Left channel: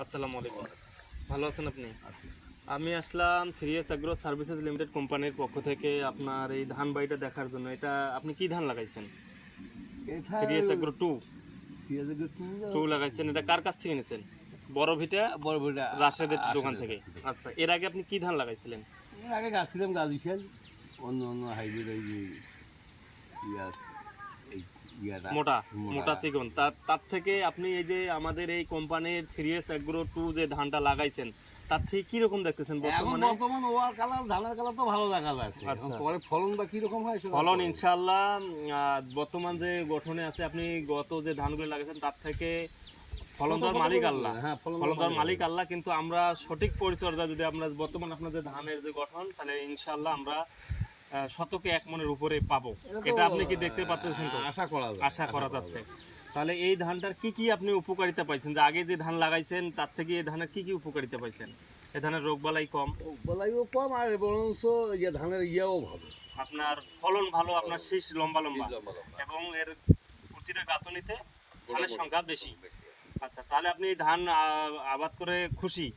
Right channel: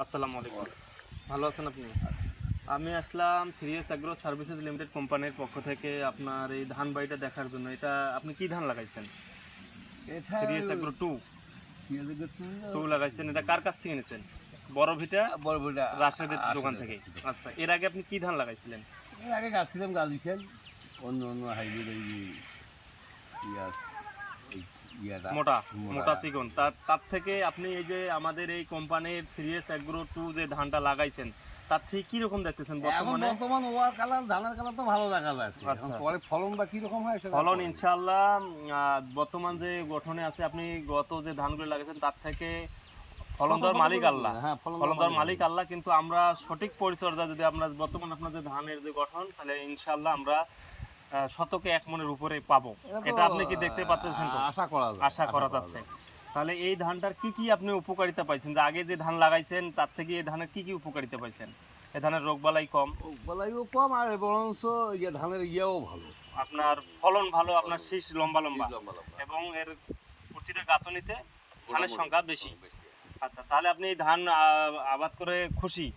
আসসালামু আলাইকুম। ভালো আছেন আপনি? আমি আসলাম 3S অ্যাগ্রো সার্ভিসেস লিমিটেড কোম্পানির পক্ষ থেকে আপনার এই ধান বাড়িটা দেখার জন্য। এটা আপনি কি ধান লাগাইছেন? এটা 3S অ্যাগ্রো 2 লাগাইছেন। এটা কার কাছ থেকে নিয়েছেন? বড় ভিটা বড় বড়টা রাশেদের দোকান থেকে। আচ্ছা, এর আগে আপনি কি ধান লাগাইছিলেন? এর আগে গাছিলাম গালিছেন অন্য অন্য হাইব্রিড এই যে ইয়া এই ইয়াটা মোটা মোটা চিকন। তার থেকে আপনি এই যে আমাদের এই কোম্পানির 3S অ্যাগ্রো 2 যে ধানটা লাগাইছেন, তার থেকে কি রকম দেখতেছেন এখন বর্তমানে? বর্তমান ওয়ার কালার ধানের কালার তো ভালো দেখা যাচ্ছে। আচ্ছা। এখন পরে ফলন বা কি রকম হয় সেটা ফলন ইনশাআল্লাহ বর্তমান যে গঠনে আছে, আপনি গত যে ধানগুলো লাগাইছেন তার থেকে ফলন দেওয়ার মালিক আল্লাহ। হ্যাঁ, ফলন দেওয়ার মালিক আল্লাহ, কিন্তু আমরা সঠিক পরিচর্যা যদি আমরা বর্তমান আপনাদের ধানের যে গঠন, তাহলে ইনশাআল্লাহ আমরা শতকে 1 মনের উপরে পাবো। এটা আপনি কি দেখতে পাচ্ছেন? তো আশা করা যাচ্ছে। তাহলে এই ধানটার কি কি আপনি উপকারিতা পাইছেন? যে আগে যে ধান লাগাইছেন তার থেকে এই ধানের কি কি উপকারিতা পাইছেন? এই ধানের রোগবালাই কম, বলাইও কম, আর বরঞ্চ যে ধানের ইয়েও ভালো, আপনার ফলন ভালো, আপনার শীষ লম্বা লম্বা, এবং এর প্রতিটা গাঁথনিতে ধানের সংখ্যা বেশি। আচ্ছা, তাহলে আপনি এই ধান আবাদ করে খুশি?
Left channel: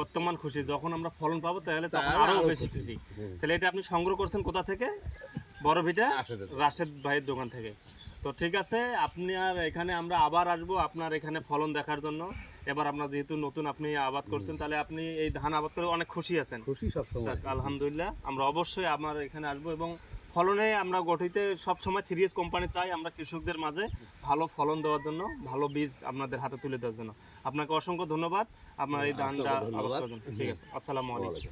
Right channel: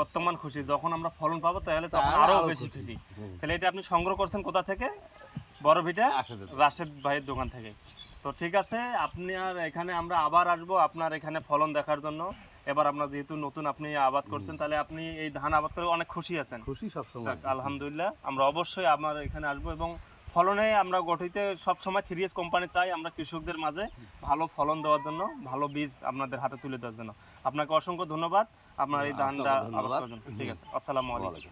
বর্তমান খুশি। যখন আমরা ফলন পাবো তাহলে তখন আরো বেশি খুশি। তাহলে এটা আপনি সংগ্রহ করছেন কোথা থেকে? বড় ভিটা রাশেদ ভাইয়ের দোকান থেকে। তো ঠিক আছে, আপনি আর এখানে আমরা আবার আসবো আপনার এখানে ফলন দেখার জন্য। এবার আপনার যেহেতু নতুন আপনি আবাদ করছেন, তাহলে আপনি এই ধান আবাদ করে অনেক খুশি আছেন? খুশি সবসময়। যাক, আলহামদুলিল্লাহ। আমরা অবশ্যই আমার এখানে আসবো, এবং ফলনে আমরা গঠিত সবসময় 3S কোম্পানি চাই আমরা কৃষকদের মাঝে ভালো ফলন দেওয়ার জন্য, ভালো বীজ আপনাদের হাতে তুলে দেওয়ার জন্য। আপনাকে অসংখ্য ধন্যবাদ আপনার এই ধানটা আবাদ করার জন্য। ঠিক আছে, আসসালামু আলাইকুম।